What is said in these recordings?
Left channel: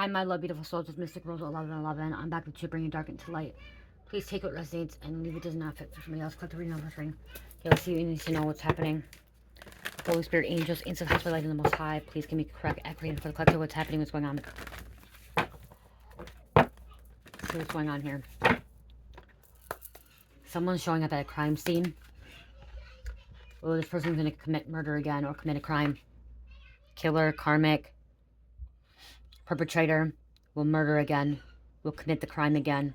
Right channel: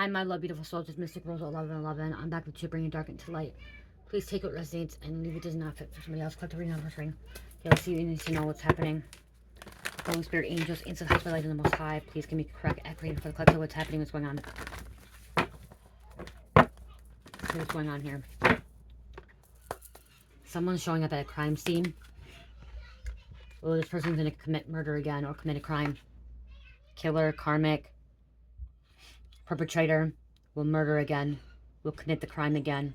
Hi, my love, beautiful souls. It's Mystic Rose 1111. I'm back with you, bringing dark into light. Please take what resonates and leave it does not fit for somebody else. Collect the reading, not ring. Okay, let's see. You need to know what's happening. Holy Spirit, angels, ancient high light in the Most High. Please give me correct, accurate reading for the collective. What's happening? What's going on? See what's going on here. Someone's showing up at a crime scene. Oh, this person's going to commit murder again or commit a crime. Killer, karmic, perpetrator will murder again. Will commit the crime again.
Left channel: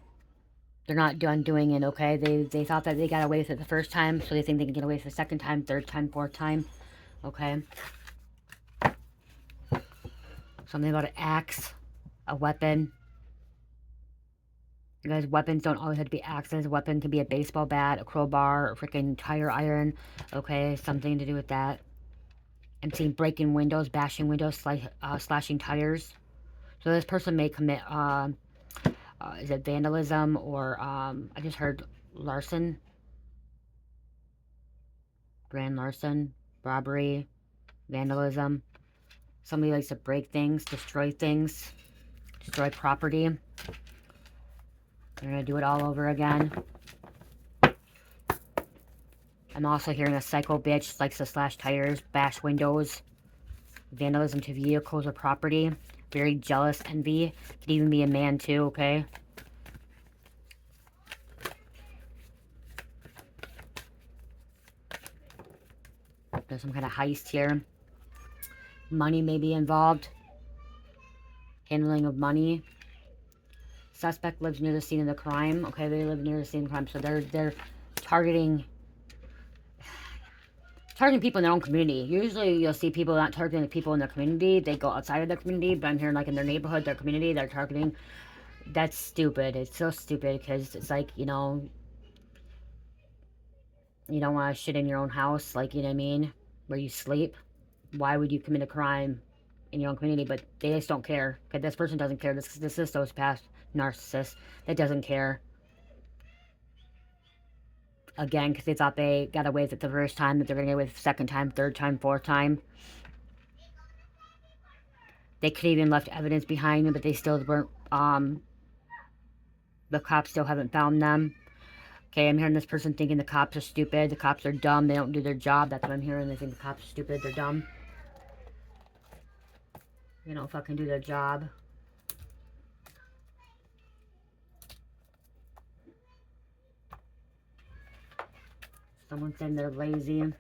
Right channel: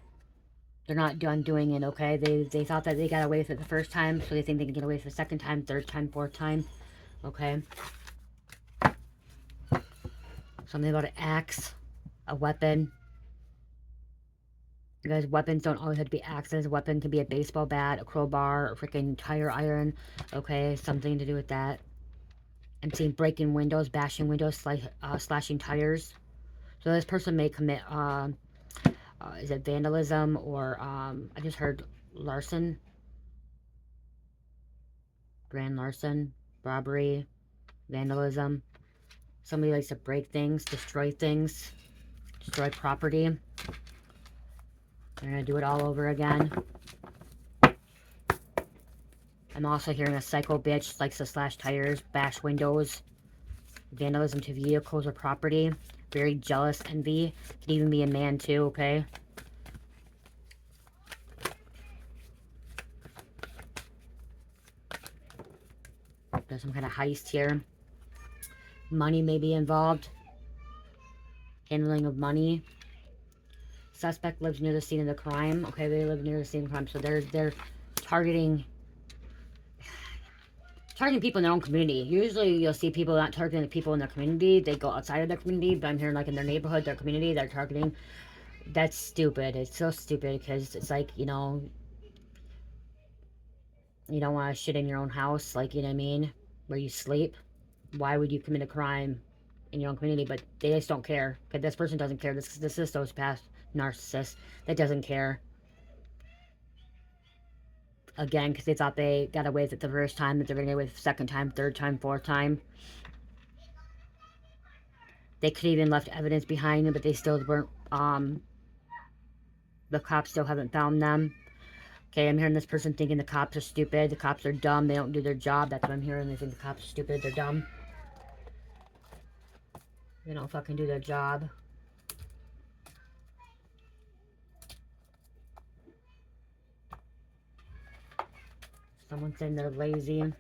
They're not done doing it, okay? They thought that they got away with it the first time, so they think they can get away with it the second time, third time, fourth time, okay? Something about an axe, a weapon. You guys, weapons don't always have to be axes. A weapon can be a baseball bat, a crowbar, a freaking tire iron, okay? Something to do with that. I'm seeing breaking windows, bashing windows, slashing tires. So this person may commit, is it vandalism or, I just heard larceny, grand larceny, robbery, vandalism. Somebody likes to break things, destroy property. They're going to do it all over again. I'm also hearing a psycho bitch likes to slash tires, bash windows, vandalism to vehicles or property. Very jealous, envy. Could even be a man too, okay? There's some kind of heist here. Money may be involved. Handling of money. Suspect lives near the scene of the crime. Okay, they live near the scene of the crime. So they're targeting people in their own community. Usually you'll see people not targeting the people in their community. They go outside of their community, but I'm hearing like in their neighborhood, their community, they're targeting. That's stupid. It's so stupid because it's like, you know, you don't want to shit in your own house, like, you know what I mean, where you sleep. Why would you commit a crime in your own community? But they just don't care. Because this person doesn't care. This is a sociopath, narcissist that doesn't care. Again, because they thought they got away with it the first time, that they're going to get away with it the second time, third time, fourth time. They could even left evidence behind them, but they still weren't, the cops still haven't found them. Okay, I'm hearing this person thinking the cops are stupid, the cops are dumb, they don't do their job. That's what I'm hearing. They think the cops are stupid, they're dumb. They don't fucking do their job. Someone saying they're lazy.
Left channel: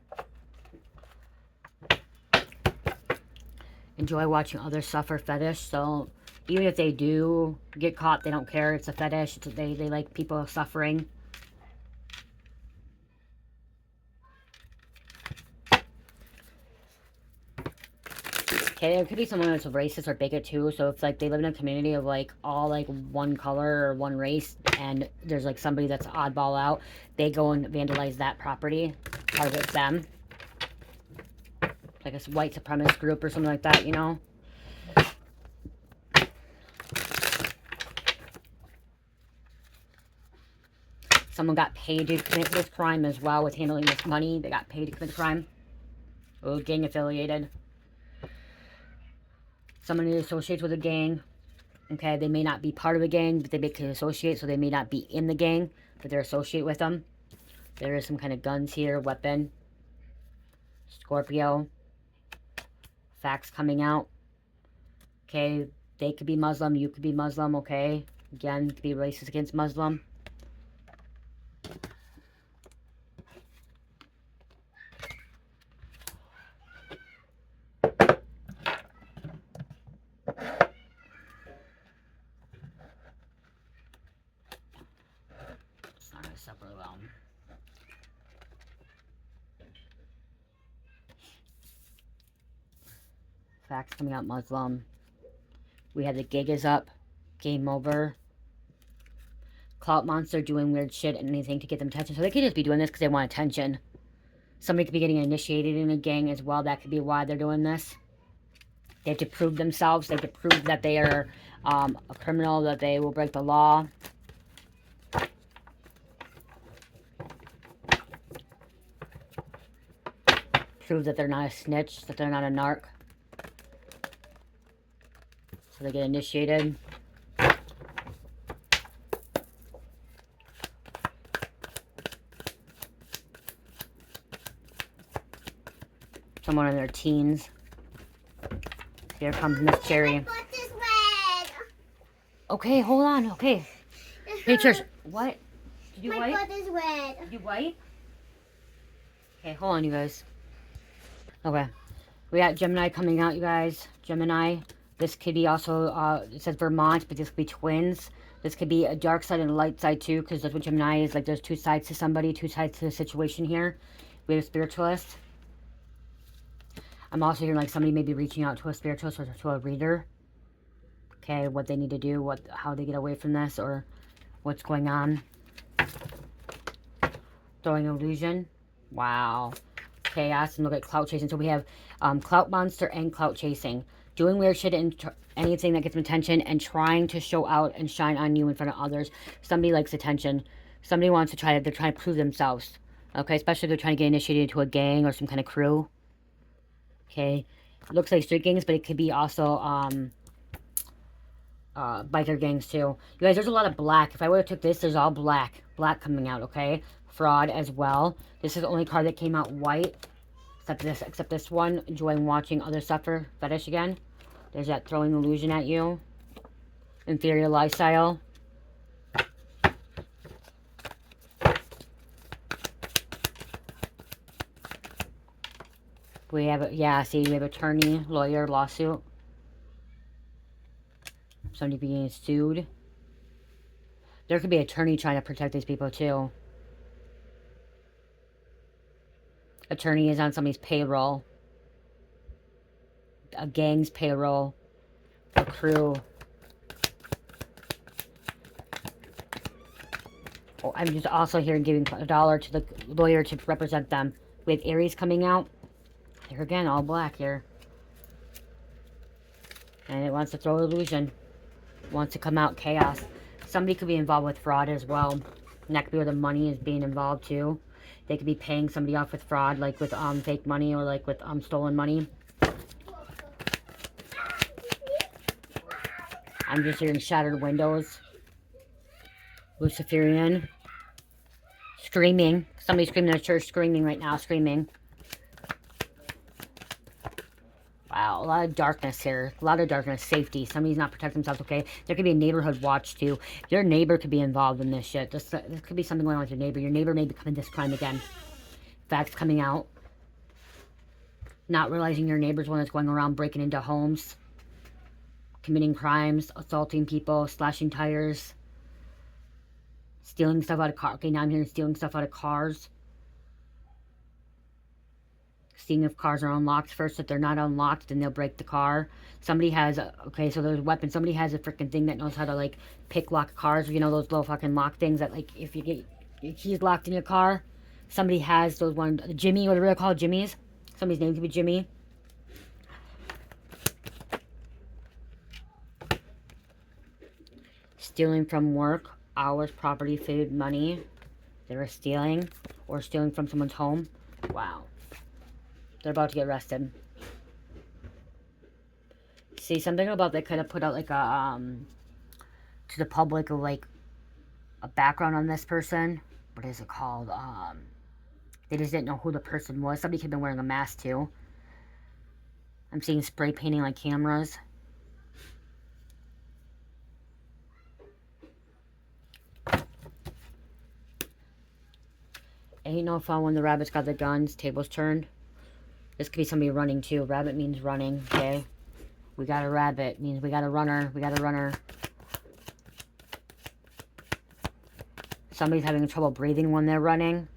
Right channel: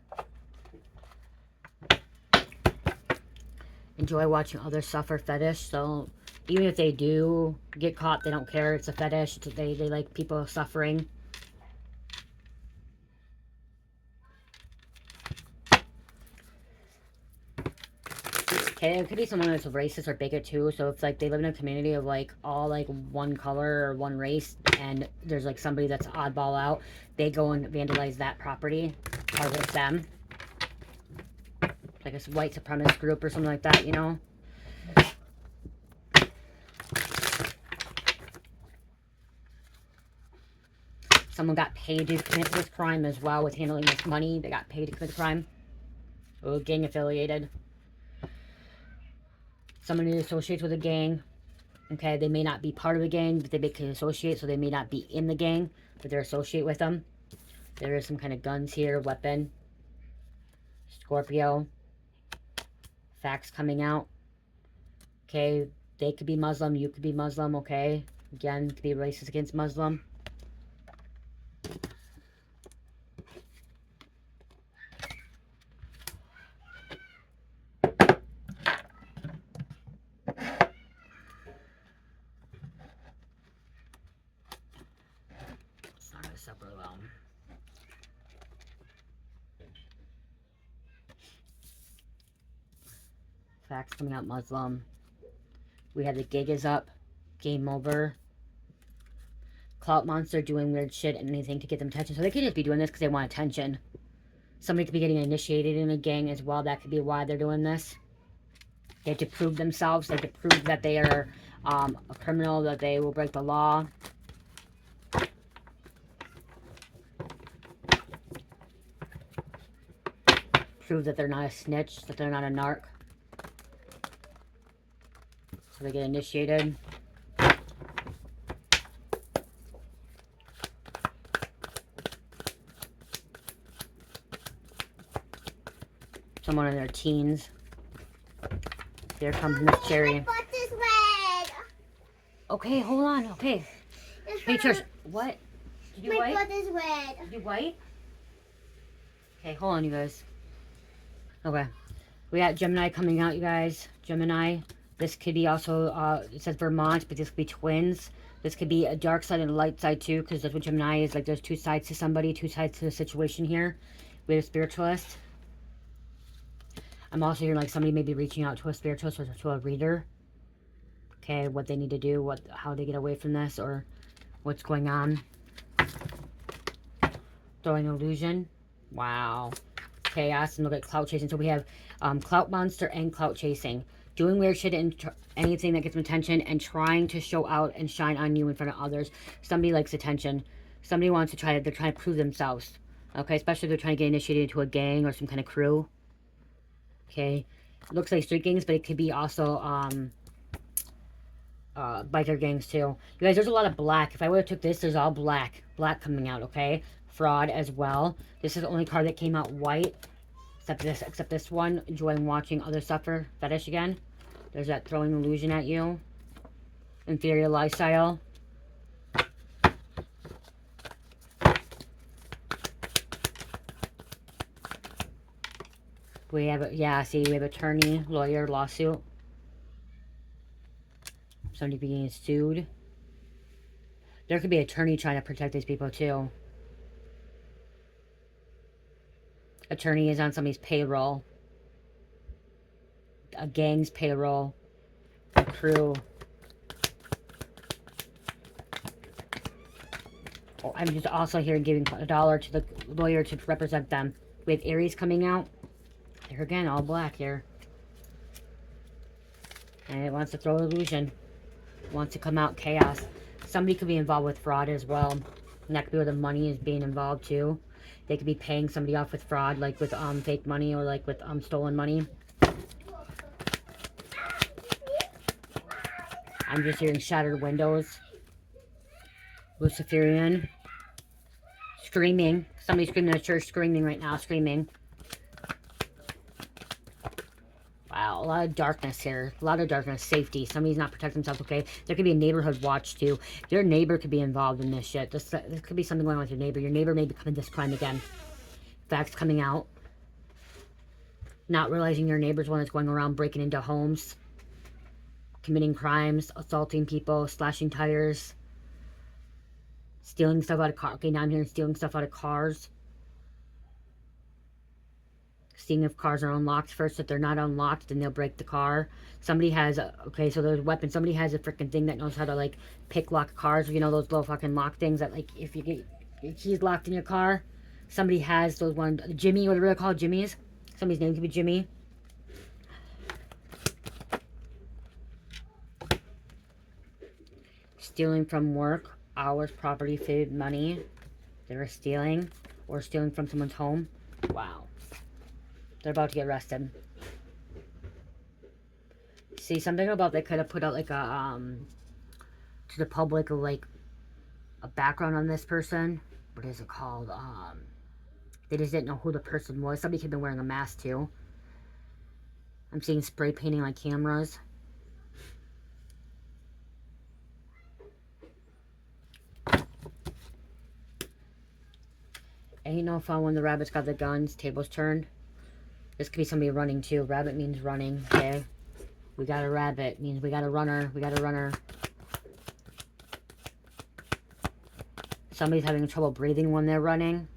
Enjoy watching others suffer, fetish. So even if they do get caught, they don't care. It's a fetish. They like people suffering. Okay, there could be someone that's a racist or bigot too. So it's like they live in a community of like all like one color or one race, and there's like somebody that's oddball out. They go and vandalize that property, target them, like a white supremacist group or something like that, you know. Someone got paid to commit this crime as well with handling this money. They got paid to commit the crime. Oh, gang affiliated. Someone who associates with a gang. Okay, they may not be part of the gang, but they can associate, so they may not be in the gang, but they're associate with them. There is some kind of guns here, weapon. Scorpio. Facts coming out. Okay, they could be Muslim, you could be Muslim, okay? Again, could be racist against Muslim. It's not going to set really well. Facts coming out, Muslim. We have the gig is up. Game over. Clout monster doing weird shit and anything to get them attention. So they could just be doing this because they want attention. Somebody could be getting initiated in a gang as well. That could be why they're doing this. They have to prove themselves. They have to prove that they are a criminal, that they will break the law. Prove that they're not a snitch, that they're not a narc. So they get initiated. Someone in their teens. Here comes Miss Cherry. My butt is red. Okay, hold on. Okay. Hey, Trish. What? Did you My white? butt is red. Did you white? Okay, hold on, you guys. Okay. We got Gemini coming out, you guys. Gemini. This could be also, it says Vermont, but this could be twins. This could be a dark side and a light side, too, because that's what Gemini is. Like, there's two sides to somebody, two sides to the situation here. We have a spiritualist. I'm also hearing, like, somebody may be reaching out to a spiritualist or to a reader. Okay, what they need to do, how they get away from this, or what's going on. Throwing illusion. Wow. Chaos, and look at clout chasing. So we have clout monster and clout chasing. Doing weird shit and anything that gets them attention and trying to show out and shine on you in front of others. Somebody likes attention. Somebody wants to they're trying to prove themselves. Okay, especially if they're trying to get initiated into a gang or some kind of crew. Okay, looks like street gangs, but it could be also biker gangs too. You guys, there's a lot of black. If I would have took this, there's all black. Black coming out, okay? Fraud as well. This is the only card that came out white. Except this one. Enjoying watching others suffer. Fetish again. There's that throwing illusion at you. Inferior lifestyle. We have, yeah, see, we have attorney, lawyer, lawsuit. Somebody being sued. There could be an attorney trying to protect these people too. Attorney is on somebody's payroll. A gang's payroll. A crew. Oh, I'm just also here giving $1 to the lawyer to represent them. We have Aries coming out. Here again, all black here. And it wants to throw illusion. Wants to come out chaos. Somebody could be involved with fraud as well. And that could be where the money is being involved too. They could be paying somebody off with fraud, like with fake money or like with stolen money. I'm just hearing shattered windows. Luciferian. Screaming. Somebody's screaming at church, screaming right now, screaming. Wow, a lot of darkness here. A lot of darkness. Safety. Somebody's not protecting themselves, okay? There could be a neighborhood watch, too. Your neighbor could be involved in this shit. This could be something going on with your neighbor. Your neighbor may be committing this crime again. Facts coming out. Not realizing your neighbor's one that's going around breaking into homes. Committing crimes. Assaulting people. Slashing tires. Stealing stuff out of cars. Okay, now I'm hearing stealing stuff out of cars. Seeing if cars are unlocked first. If they're not unlocked, then they'll break the car. Somebody has okay, so there's a weapon. Somebody has a freaking thing that knows how to, like, pick lock cars. You know, those little fucking lock things that, like, if you get your keys locked in your car. Somebody has those ones. Jimmy, whatever they're called, Jimmy's. Somebody's name could be Jimmy. Stealing from work, hours, property, food, money. They were stealing. Or stealing from someone's home. Wow. They're about to get arrested. See, something about they could have put out like a, to the public, like a background on this person. What is it called? They just didn't know who the person was. Somebody could have been wearing a mask too. I'm seeing spray painting like cameras. Ain't no fun when the rabbit's got the guns. Tables turned. This could be somebody running too. Rabbit means running, okay? We got a rabbit. Means we got a runner. We got a runner. Somebody's having trouble breathing when they're running.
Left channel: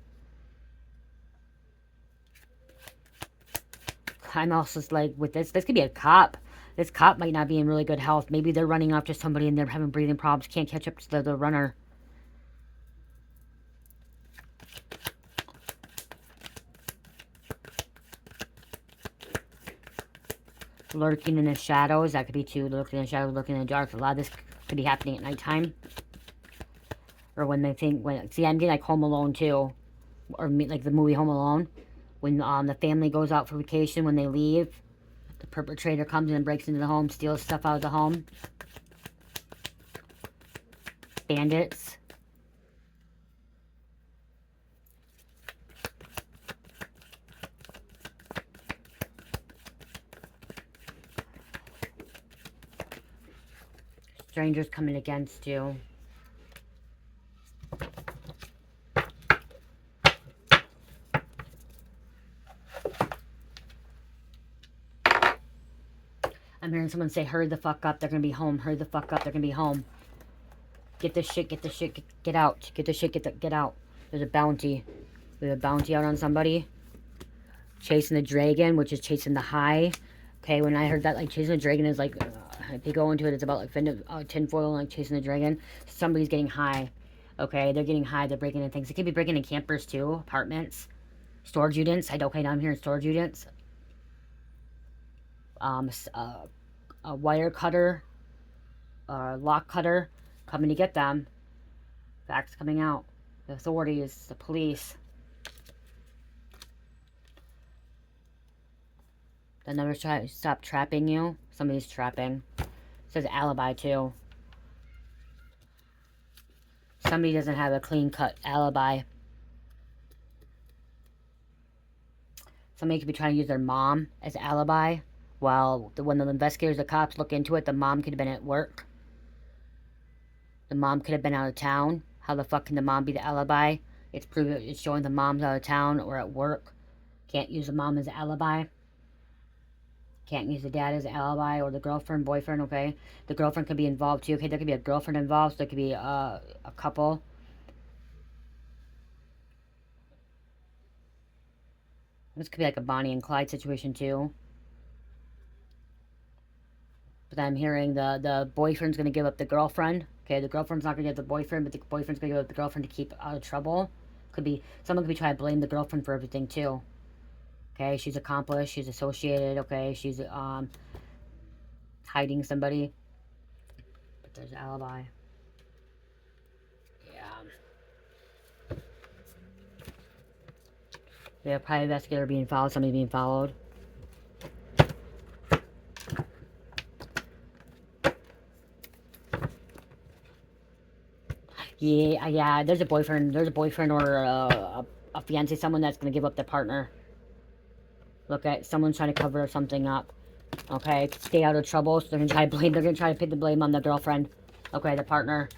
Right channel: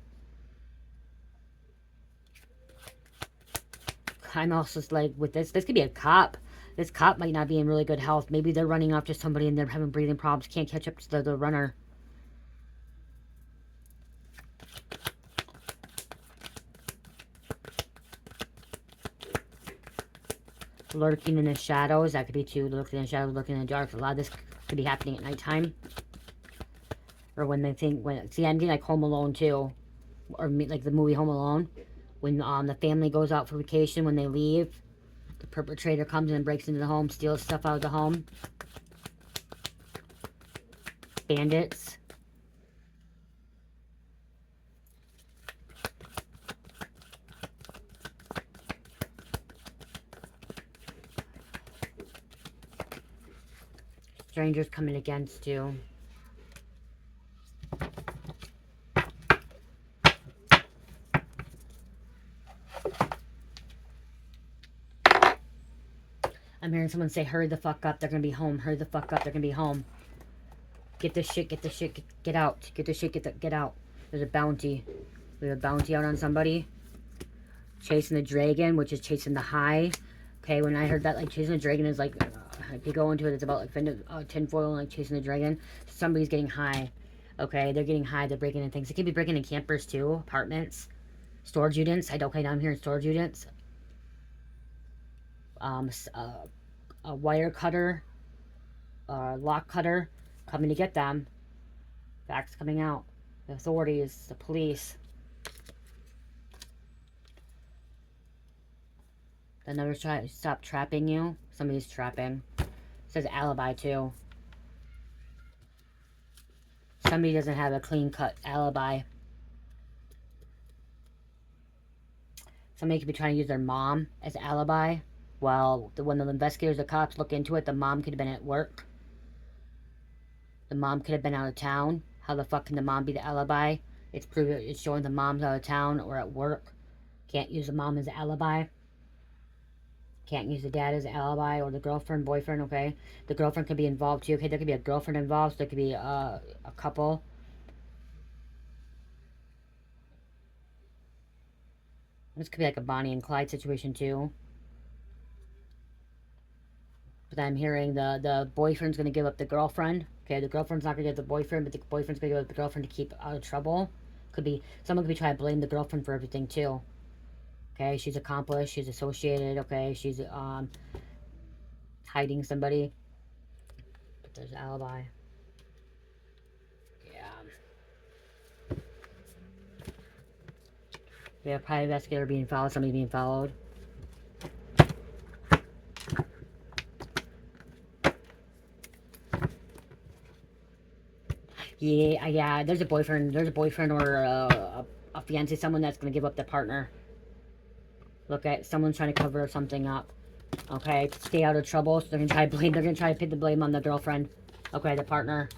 I'm also like, with this could be a cop. This cop might not be in really good health. Maybe they're running after somebody and they're having breathing problems. Can't catch up to the runner. Lurking in the shadows. That could be too. Lurking in the shadows, lurking in the dark. A lot of this could be happening at nighttime. Or when they think, see, I'm getting like Home Alone too. Or like the movie Home Alone. When the family goes out for vacation, when they leave. The perpetrator comes in and breaks into the home, steals stuff out of the home. Bandits. Strangers coming against you. I'm hearing someone say, hurry the fuck up, they're gonna be home. Hurry the fuck up, they're gonna be home. Get this shit, get out. Get the shit, get out. There's a bounty. There's a bounty out on somebody. Chasing the dragon, which is chasing the high. Okay, when I heard that, like, chasing the dragon is like, if you go into it, it's about like tinfoil, like chasing the dragon. Somebody's getting high. Okay, they're getting high, they're breaking in things. They could be breaking in campers too, apartments, storage units. Okay, now I'm hearing storage units. A wire cutter, lock cutter, coming to get them. Facts coming out. The authorities, the police. They'll never stop trapping you. Somebody's trapping. It says alibi too. Somebody doesn't have a clean-cut alibi. Somebody could be trying to use their mom as alibi. Well, when the investigators, the cops look into it, the mom could have been at work. The mom could have been out of town. How the fuck can the mom be the alibi? It's showing the mom's out of town or at work. Can't use the mom as an alibi. Can't use the dad as an alibi or the girlfriend, boyfriend, okay? The girlfriend could be involved too, okay? There could be a girlfriend involved, so there could be a couple. This could be like a Bonnie and Clyde situation too. But I'm hearing the boyfriend's going to give up the girlfriend. Okay, the girlfriend's not going to give the boyfriend, but the boyfriend's going to give up the girlfriend to keep out of trouble. Someone could be trying to blame the girlfriend for everything too. Okay, she's accomplished, she's associated, okay, she's hiding somebody. But there's alibi. Yeah. Yeah, private investigator being followed, somebody being followed. Yeah, there's a boyfriend or a fiance, someone that's going to give up their partner. Look at someone's trying to cover something up. Okay, stay out of trouble. So they're going to try to put the blame on the girlfriend. Okay, the partner.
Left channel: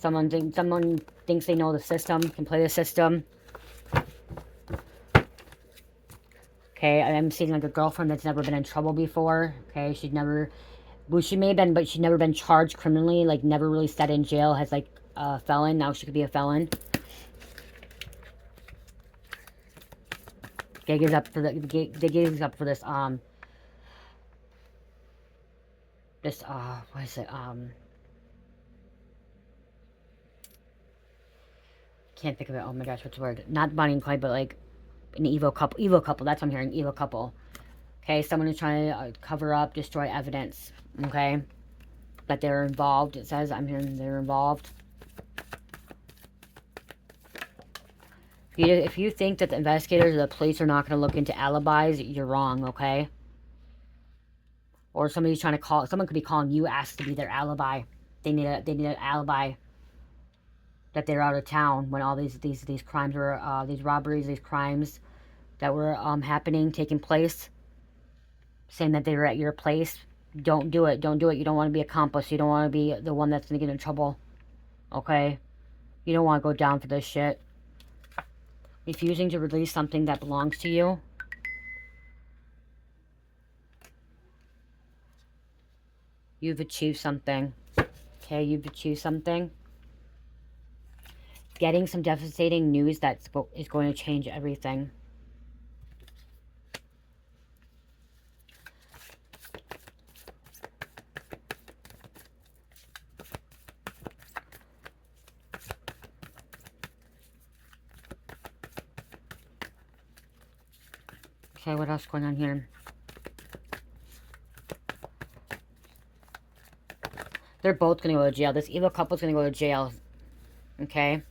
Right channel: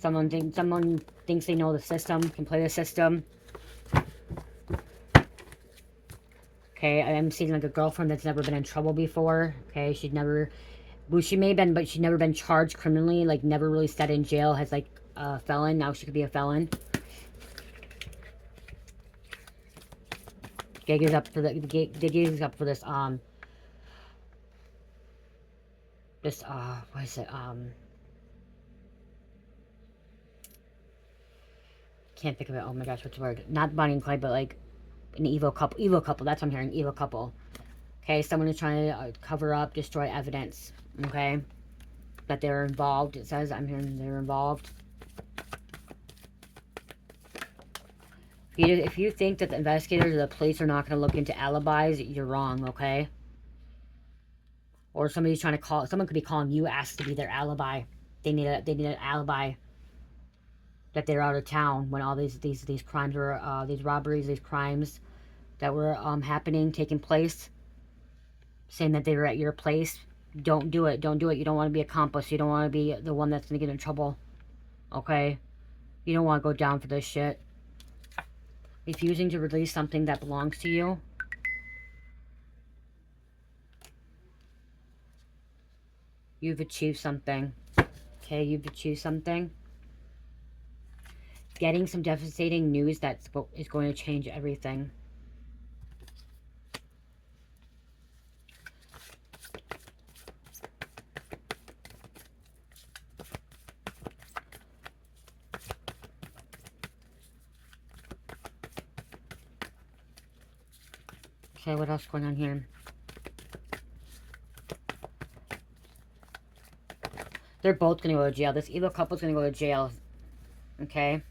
Someone thinks they know the system, can play the system. Okay, I'm seeing like a girlfriend that's never been in trouble before. Okay, she may have been, but she's never been charged criminally, like never really sat in jail, has like a felon. Now she could be a felon. Gig is up for the gig is up for this what is it, can't think of it. Oh my gosh, what's the word? Not Bonnie and Clyde, but like an evil couple, that's what I'm hearing. Evil couple. Okay, someone is trying to cover up, destroy evidence. Okay, that they're involved. It says, I'm hearing they're involved. If you think that the investigators or the police are not going to look into alibis, you're wrong, okay? Or somebody's trying to call, someone could be calling you, asked to be their alibi. They need an alibi that they're out of town when all these crimes were, these robberies, these crimes that were taking place. Saying that they were at your place. Don't do it. Don't do it. You don't want to be accomplice. You don't want to be the one that's going to get in trouble. Okay? You don't want to go down for this shit. Refusing to release something that belongs to you. You've achieved something. Okay, you've achieved something. Getting some devastating news that is going to change everything. Okay, what else going on here? They're both going to go to jail. This evil couple's going to go to jail. Okay?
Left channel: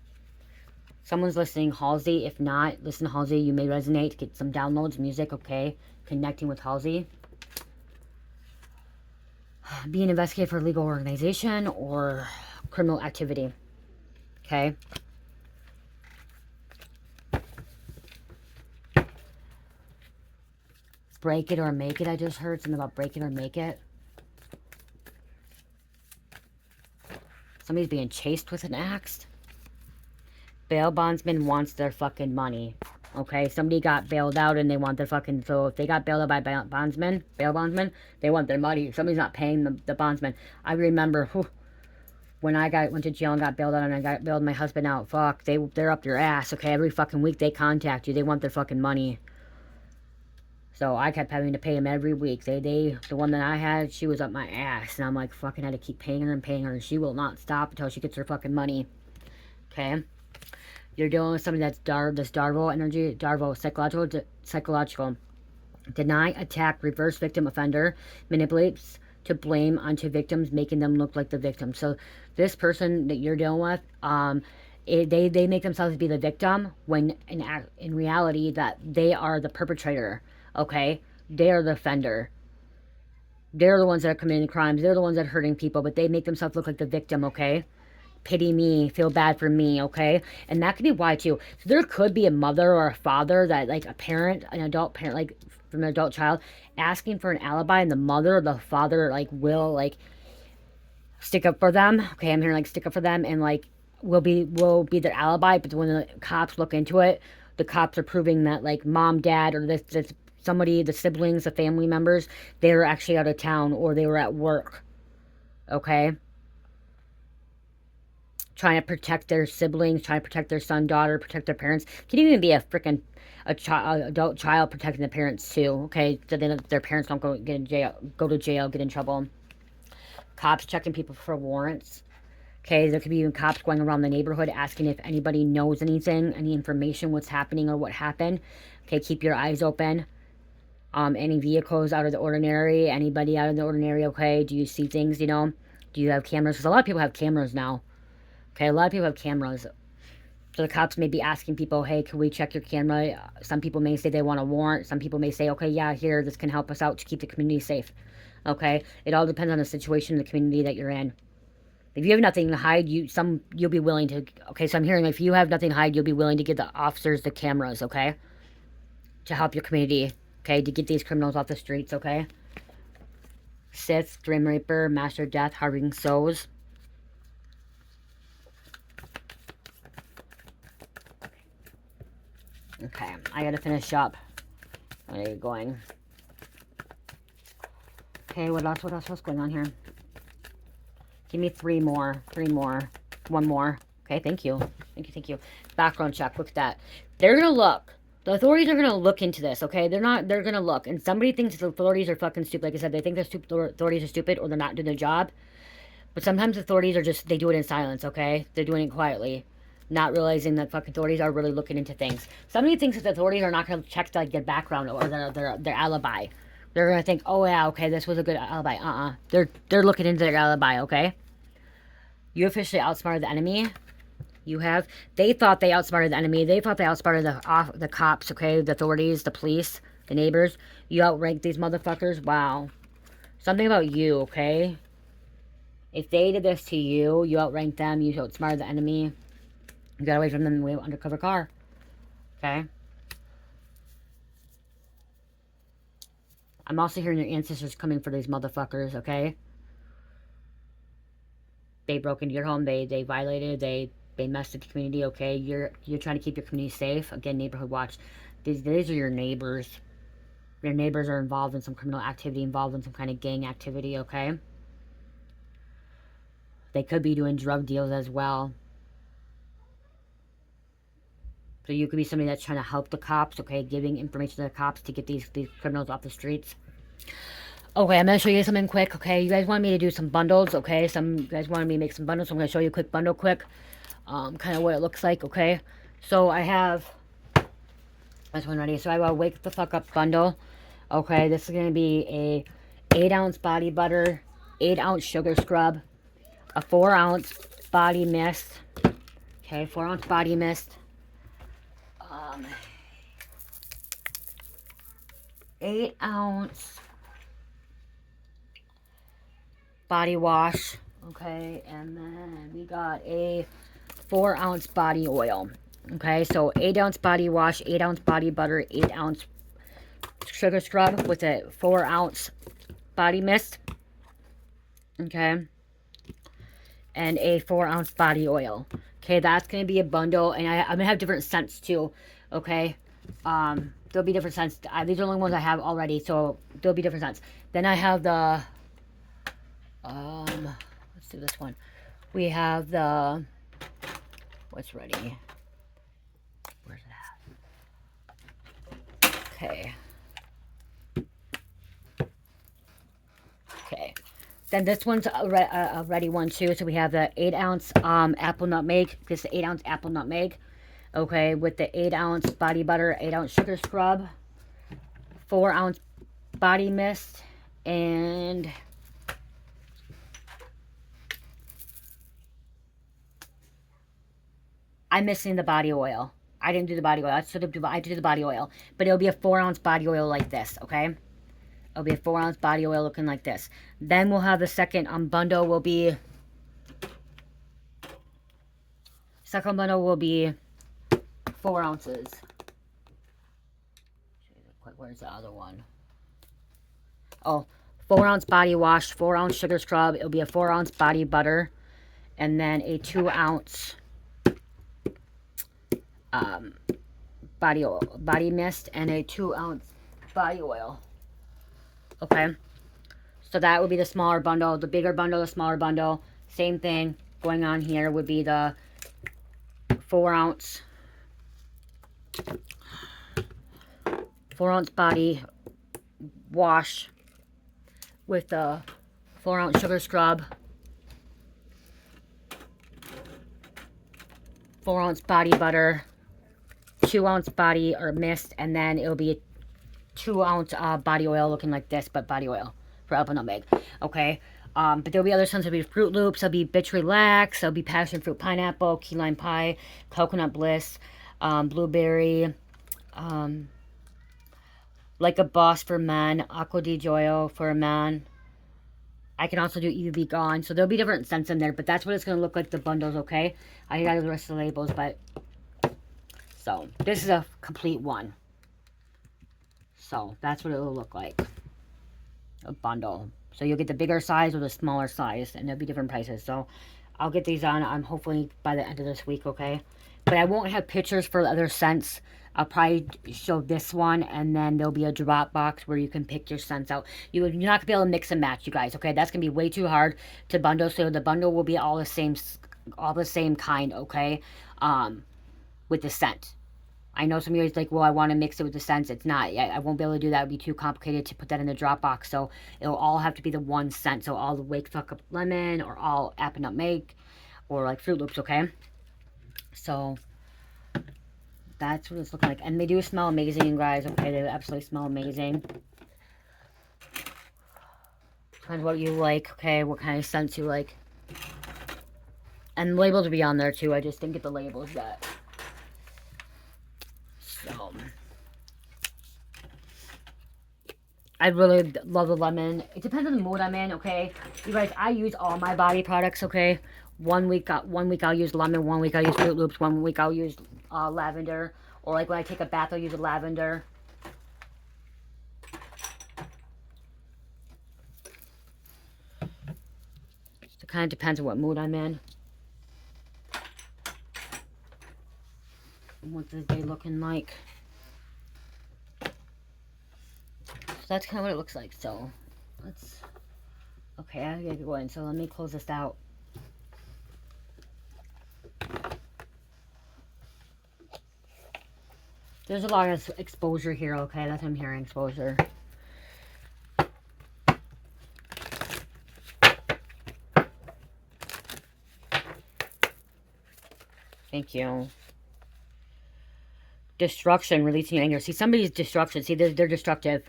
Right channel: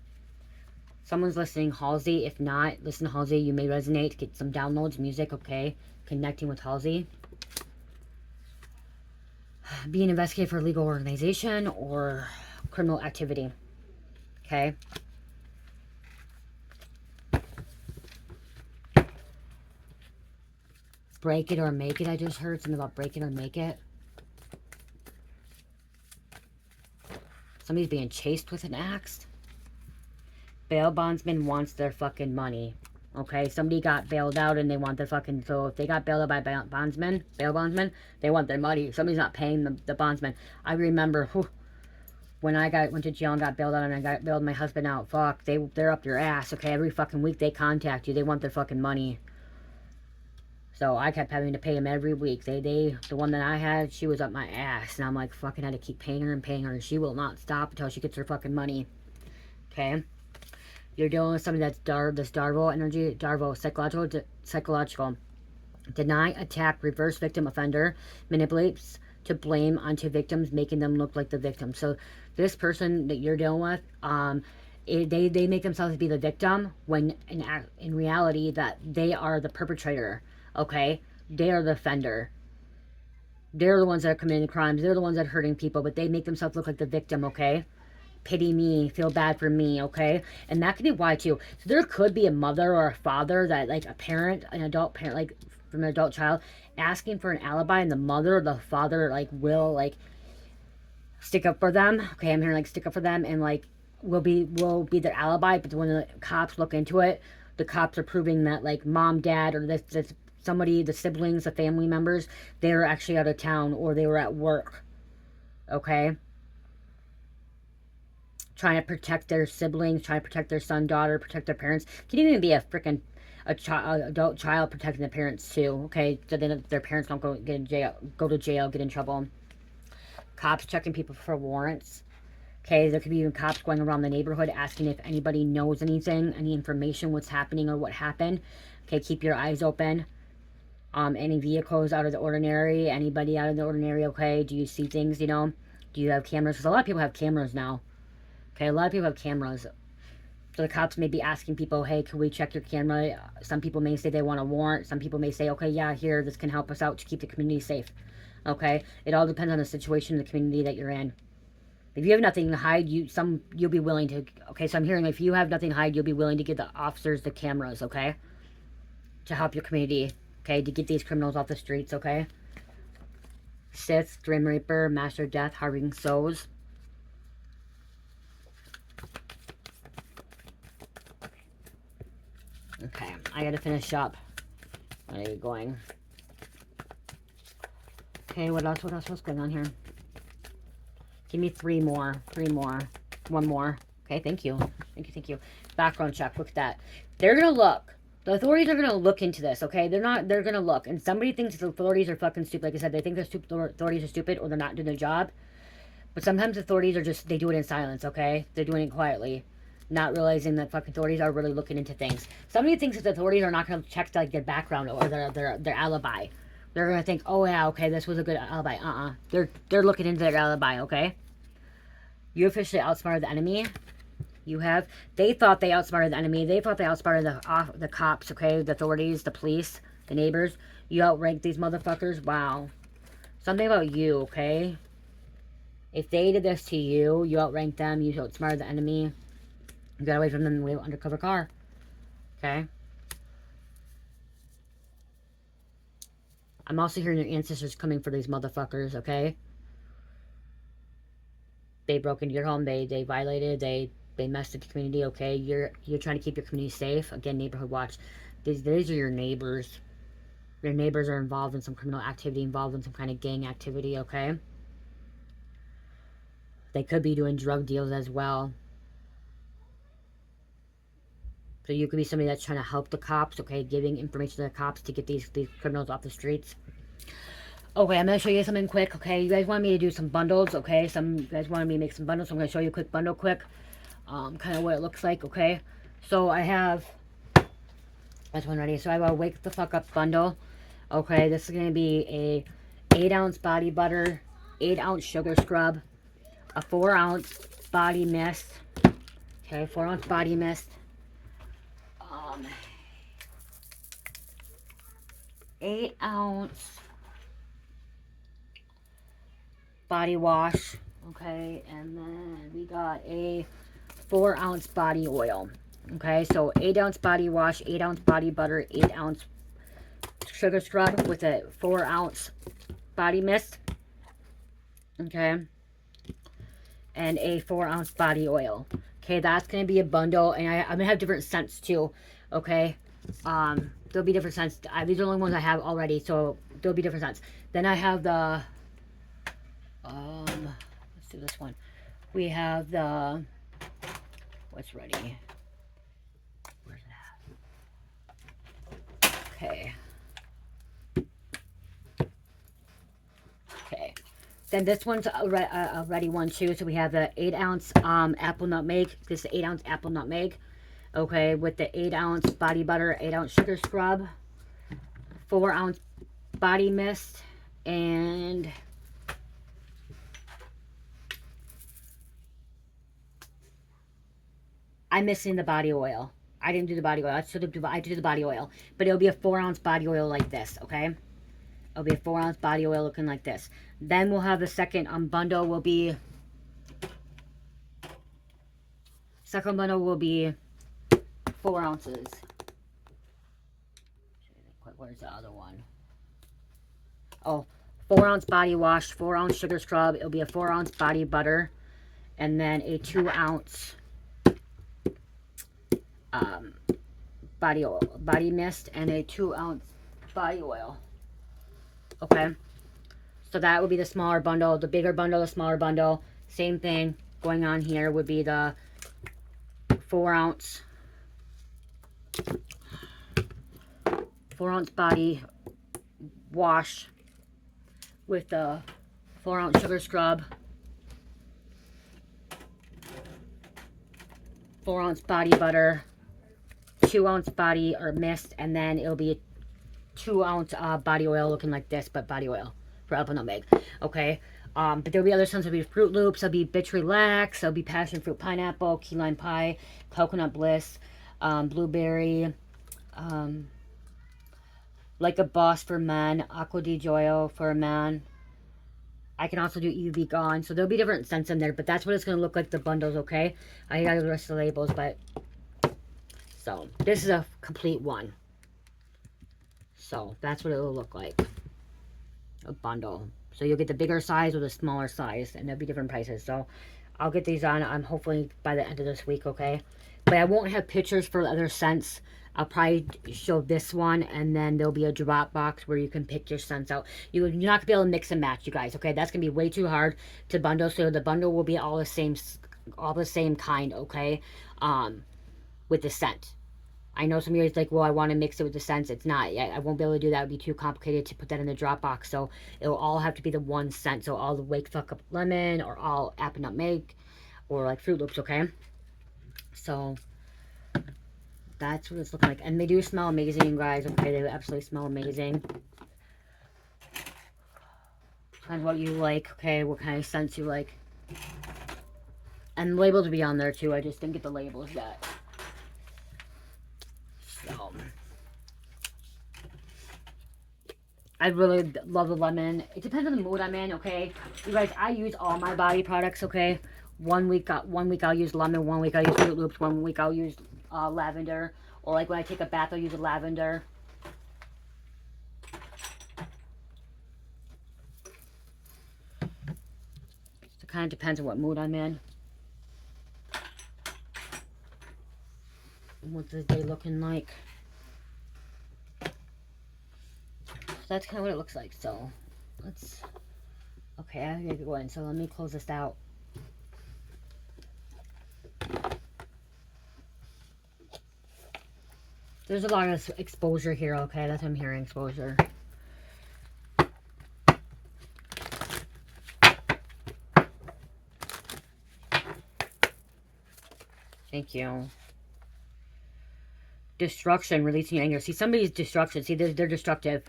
Someone's listening Halsey. If not, listen to Halsey. You may resonate. Get some downloads, music, okay? Connecting with Halsey. Be an investigator for a legal organization or criminal activity. Okay? Break it or make it, I just heard. Something about break it or make it. Somebody's being chased with an axe. Bail bondsman wants their fucking money. Okay, somebody got bailed out and they want their fucking... So if they got bailed out by bail bondsman, they want their money. Somebody's not paying the bondsman. I remember when I went to jail and got bailed out and I got bailed my husband out. Fuck, they're up your ass. Okay, every fucking week they contact you. They want their fucking money. So I kept having to pay them every week. The one that I had, she was up my ass. And I'm like, fucking had to keep paying her and paying her. And she will not stop until she gets her fucking money. Okay? You're dealing with something that's this Darvo energy, psychological. Deny, attack, reverse victim offender, manipulates to blame onto victims, making them look like the victim. So this person that you're dealing with, they make themselves be the victim when in reality that they are the perpetrator. Okay, they are the offender. They're the ones that are committing crimes. They're the ones that are hurting people, but they make themselves look like the victim. Okay. Pity me, feel bad for me, okay? And that could be why too. So there could be a mother or a father that, like, a parent, an adult parent, like from an adult child, asking for an alibi, and the mother or the father, like, will, like, stick up for them. Okay, I'm hearing, like, stick up for them, and, like, will be their alibi. But when the cops look into it, the cops are proving that, like, mom, dad, or this somebody, the siblings, the family members, they were actually out of town or they were at work. Okay? Trying to protect their siblings, trying to protect their son, daughter, protect their parents. Can even be a freaking adult child protecting the parents too. Okay, so then their parents don't go to jail, get in trouble. Cops checking people for warrants. Okay, there could be even cops going around the neighborhood asking if anybody knows anything, any information, what's happening or what happened. Okay, keep your eyes open. Any vehicles out of the ordinary, anybody out of the ordinary, okay? Do you see things, you know? Do you have cameras? Because a lot of people have cameras now. Okay, a lot of people have cameras. So the cops may be asking people, hey, can we check your camera? Some people may say they want a warrant. Some people may say, okay, yeah, here, this can help us out to keep the community safe. Okay? It all depends on the situation in the community that you're in. If you have nothing to hide, you'll be willing to... Okay, so I'm hearing if you have nothing to hide, you'll be willing to give the officers the cameras, okay? To help your community, okay? To get these criminals off the streets, okay? Sith, Grim Reaper, Master Death, Harving Souls. Okay, I gotta finish up. Where are you going? Okay, what else? What's going on here? Give me three more. One more. Okay, thank you. Thank you. Background check, look at that. They're gonna look. The authorities are gonna look into this, okay? They're gonna look. And somebody thinks the authorities are fucking stupid. Like I said, they think the authorities are stupid or they're not doing their job. But sometimes authorities are they do it in silence, okay? They're doing it quietly. Not realizing that fucking authorities are really looking into things. Somebody thinks that the authorities are not going to check like their background or their alibi. They're going to think, oh yeah, okay, this was a good alibi. They're looking into their alibi, okay? You officially outsmarted the enemy. You have. They thought they outsmarted the enemy. They thought they outsmarted the cops, okay? The authorities, the police, the neighbors. You outranked these motherfuckers. Wow. Something about you, okay? If they did this to you, you outranked them. You outsmarted the enemy. You got away from them in an undercover car. Okay? I'm also hearing your ancestors coming for these motherfuckers, okay? They broke into your home. They violated. They messed with the community, okay? You're trying to keep your community safe. Again, neighborhood watch. These are your neighbors. Your neighbors are involved in some criminal activity, involved in some kind of gang activity, okay? They could be doing drug deals as well. So you could be somebody that's trying to help the cops, okay? Giving information to the cops to get these criminals off the streets. Okay, I'm going to show you something quick, okay? You guys want me to do some bundles, okay? Some guys wanted me to make some bundles, so I'm going to show you a quick bundle quick. Kind of what it looks like, okay? So I have... That's one ready. So I have a Wake the Fuck Up bundle. Okay, this is going to be a 8-ounce body butter, 8-ounce sugar scrub, a 4-ounce body mist. Okay, 4-ounce body mist. 8-ounce body wash, okay, and then we got a 4-ounce body oil, okay, so 8-ounce body wash, 8-ounce body butter, 8-ounce sugar scrub with a 4-ounce body mist, okay, and a 4-ounce body oil. Okay, that's going to be a bundle, and I'm going to have different scents too, okay? There'll be different scents. These are the only ones I have already, so there'll be different scents. Then I have the, let's do this one. We have the, what's ready? Where's that? Okay. Okay. Then this one's a ready one too. So we have the 8-ounce apple nutmeg. This is 8-ounce apple nutmeg. Okay, with the 8-ounce body butter, 8-ounce sugar scrub, 4-ounce body mist, and I'm missing the body oil. I didn't do the body oil. I did the body oil, but it'll be a 4-ounce body oil like this. Okay. It'll be a 4-ounce body oil looking like this. Then we'll have the second bundle will be... Second bundle will be 4 ounces. Where's the other one? Oh, 4-ounce body wash, 4-ounce sugar scrub. It'll be a 4-ounce body butter. And then a 2-ounce body oil, body mist, and a 2-ounce body oil. Okay, so that would be the smaller bundle. The bigger bundle, the smaller bundle. Same thing going on here would be the 4-ounce body wash with the 4-ounce sugar scrub, 4-ounce body butter, 2-ounce body or mist, and then it'll be 2-ounce body oil looking like this, but body oil for apple nutmeg. Okay, but there'll be other scents. There'll be Fruit Loops, there'll be Bitch Relax, there'll be Passion Fruit Pineapple, Key Lime Pie, Coconut Bliss, Blueberry, Like a Boss for men, Aqua di Gioia for a man. I can also do You Be Gone. So there'll be different scents in there, but that's what it's going to look like, the bundles, okay? I got the rest of the labels, but... So, this is a complete one. So, that's what it'll look like. A bundle. So, you'll get the bigger size or the smaller size, and there'll be different prices. So, I'll get these on hopefully by the end of this week, okay? But I won't have pictures for the other scents. I'll probably show this one, and then there'll be a drop box where you can pick your scents out. You're not going to be able to mix and match, you guys, okay? That's going to be way too hard to bundle, so the bundle will be all the same kind, okay? With the scent. I know some of you guys like, well, I want to mix it with the scents. It's not. I won't be able to do that. It would be too complicated to put that in the drop box, so it'll all have to be the one scent. So all the Wake Fuck Up Lemon, or all Apple Nutmeg, or like Fruit Loops, okay? So... that's what it's looking like. And they do smell amazing, you guys. Okay, they absolutely smell amazing. Depends what you like, okay? What kind of scents you like. And labels will be on there, too. I just didn't get the labels yet. So. I really love the lemon. It depends on the mood I'm in, okay? You guys, I use all my body products, okay? One week I'll use lemon, 1 week I'll use Fruit Loops, 1 week I'll use lavender, or like when I take a bath I'll use a lavender. It kind of depends on what mood I'm in. What the day looking like. So that's kind of what it looks like. So let's, okay, I gotta go in. So let me close this out. There's a lot of exposure here, okay? That's what I'm hearing, exposure. Thank you. Destruction, releasing your anger. See, somebody's destruction. See, they're destructive.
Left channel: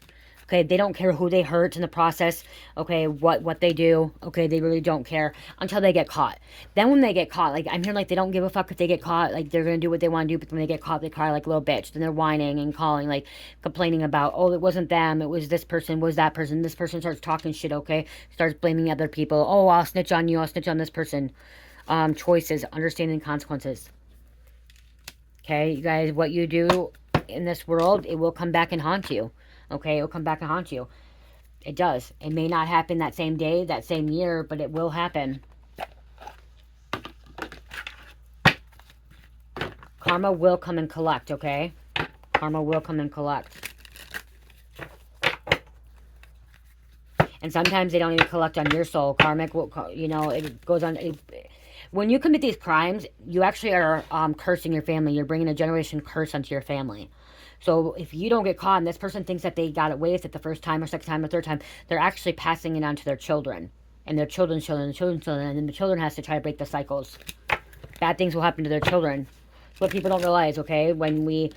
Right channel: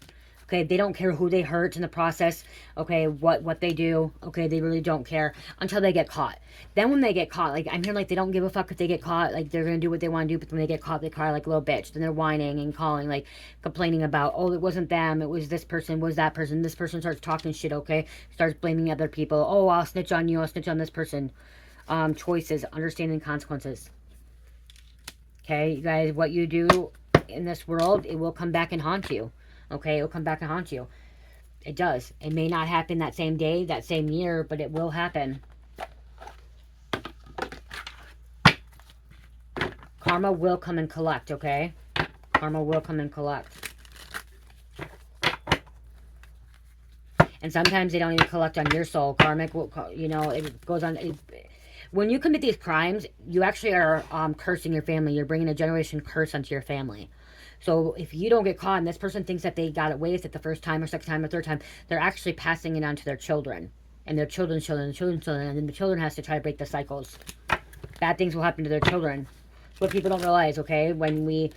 Okay, they don't care who they hurt in the process. Okay, what they do. Okay, they really don't care until they get caught. Then when they get caught, like I'm hearing like they don't give a fuck if they get caught. Like they're gonna do what they want to do, but when they get caught, they cry like a little bitch. Then they're whining and calling, like complaining about, oh, it wasn't them, it was this person, was that person. This person starts talking shit. Okay, starts blaming other people. Oh, I'll snitch on you. I'll snitch on this person. Choices, understanding consequences. Okay, you guys, what you do in this world, it will come back and haunt you. Okay, it'll come back and haunt you. It does. It may not happen that same day, that same year, but it will happen. Karma will come and collect, okay? Karma will come and collect. And sometimes they don't even collect on your soul. Karmic will, you know, it goes on. When you commit these crimes, you actually are cursing your family. You're bringing a generation curse onto your family. So if you don't get caught and this person thinks that they got away with it the first time or second time or third time, they're actually passing it on to their children. And their children's children, and children's children. And then the children has to try to break the cycles. Bad things will happen to their children. That's what people don't realize, okay? When we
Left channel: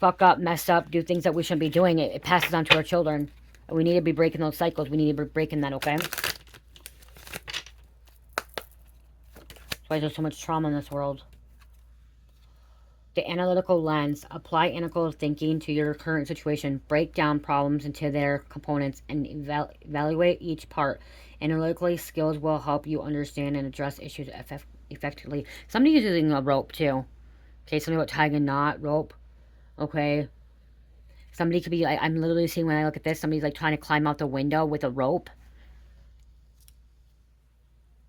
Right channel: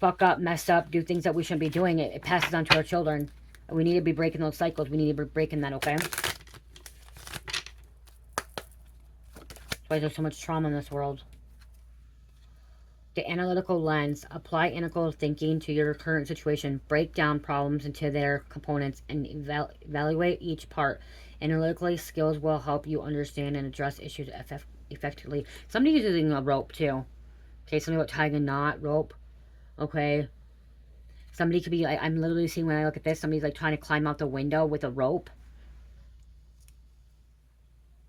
fuck up, mess up, do things that we shouldn't be doing, it passes on to our children. And we need to be breaking those cycles. We need to be breaking that, okay? That's why there's so much trauma in this world. The analytical lens. Apply analytical thinking to your current situation. Break down problems into their components and evaluate each part. Analytically, skills will help you understand and address issues effectively. Somebody's using a rope too. Okay, something about tying a knot, rope. Okay. Somebody could be, I'm literally seeing when I look at this, somebody's like trying to climb out the window with a rope.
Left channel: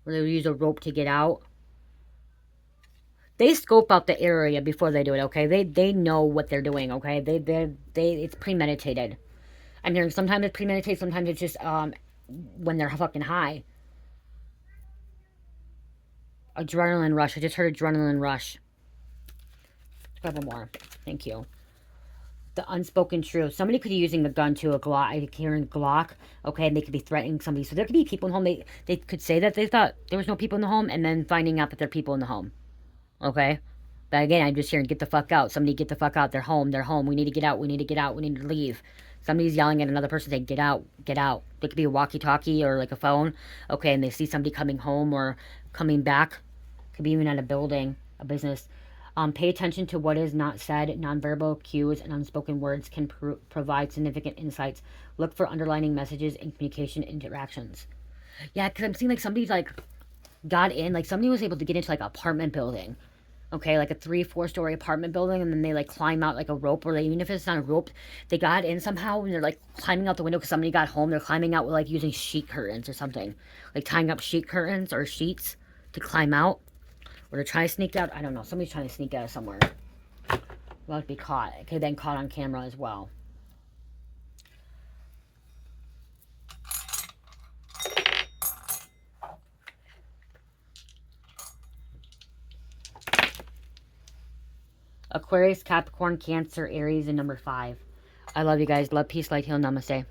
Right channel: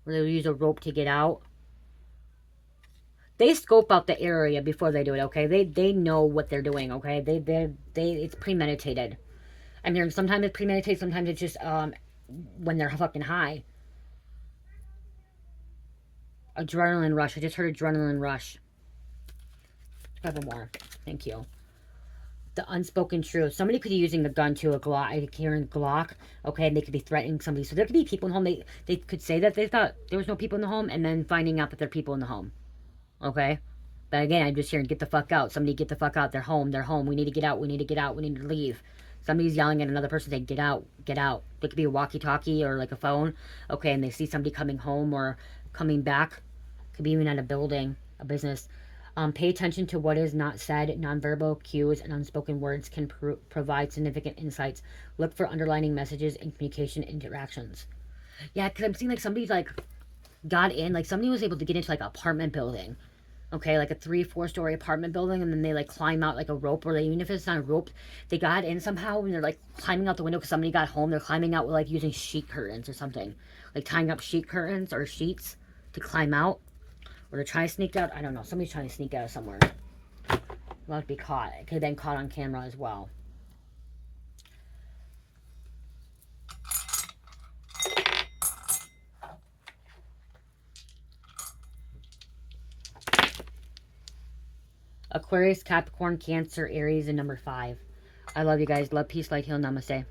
Or they use a rope to get out. They scope out the area before they do it, okay? They know what they're doing, okay? It's premeditated. I'm hearing sometimes it's premeditated, sometimes it's just when they're fucking high. Adrenaline rush. I just heard adrenaline rush. Let's grab more. Thank you. The unspoken truth. Somebody could be using the gun to a Glock. I hear a Glock. Okay, and they could be threatening somebody. So there could be people in the home. They could say that they thought there was no people in the home, and then finding out that there are people in the home. Okay? But again, I'm just hearing, get the fuck out. Somebody get the fuck out. They're home. They're home. We need to get out. We need to get out. We need to leave. Somebody's yelling at another person saying, get out. Get out. It could be a walkie-talkie or like a phone. Okay, and they see somebody coming home or coming back. Could be even at a building, a business. Pay attention to what is not said. Nonverbal cues and unspoken words can provide significant insights. Look for underlining messages in communication interactions. Yeah, because I'm seeing like somebody's like got in, like somebody was able to get into like an apartment building. Okay, like a 3-4 story apartment building, and then they like climb out like a rope, or even if it's not a rope, they got in somehow, and they're like climbing out the window because somebody got home. They're climbing out with like using sheet curtains or something, like tying up sheet curtains or sheets to climb out. Or to try to sneak out. I don't know. Somebody's trying to sneak out of somewhere. About to be caught. It could have been caught on camera as well. Aquarius, Capricorn, Cancer, Aries, and number 5. I love you guys. Love, peace, light, heal, namaste.